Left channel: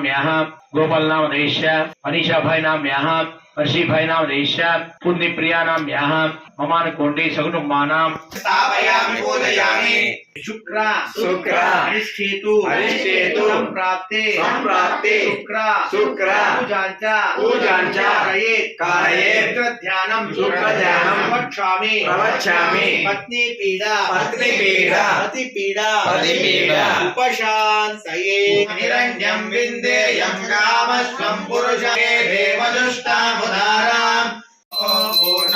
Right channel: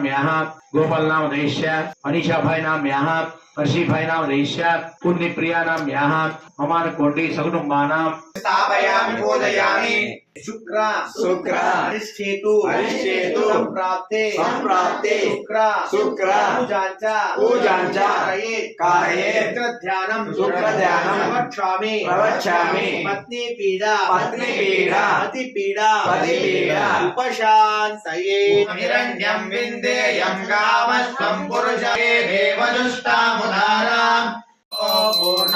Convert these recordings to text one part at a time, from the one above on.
नाम यहाँ गोपाल नाम रहीश्या अनिशा भाई नाम यहाँ अर्षि भाई नाम रहीश्या पुण्य प्रिया नाम यहाँ अमान कोटी सगनु मानाम स्थापयामि शुक्र हरिश्चेतु संप्राप्ते संप्राप्ते शुक्रा शुक्रा पूजांचा पूजांचा कहे कायेत ध्यानम शुक्र ध्यानम प्रवक्षामि प्रवक्षामि पत्नी पीड़ा पत्नी पीड़ा पति पीड़ा पति पीड़ा उपशान सहे हिरण्यम विंदे यम कामस्वं पुरुषे देवदुष्टा मुदारा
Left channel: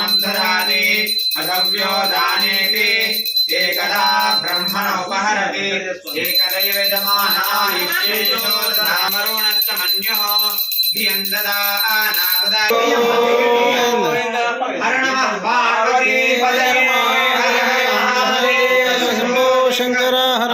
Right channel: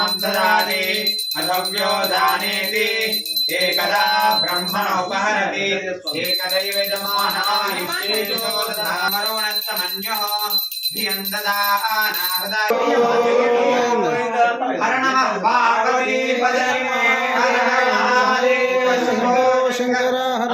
ब्रह्मणम् ददाति अद्यो दानेति एकदा ब्रह्मण उपहरति एकदैव यजमानामरुणस्तमन्युः धियम् ददानार्दय हर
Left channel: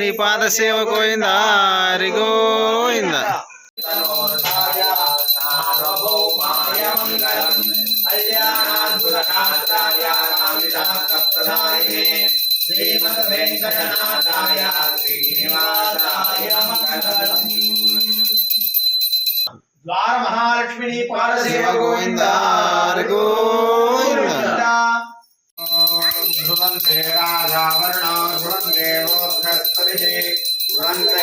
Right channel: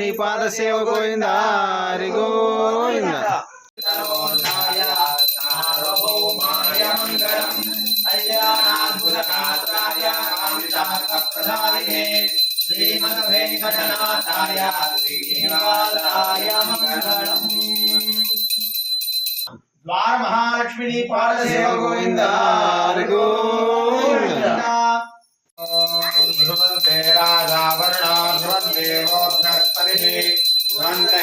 నీ పాద సేవ కోయిందా హరిగోయిందా శ్రీమద్ వెంకటనాథాయ శ్రీనివాసాయ ద్వార మహాలక్ష్మిని పాదసేవ గోవింద காத்திடு நான்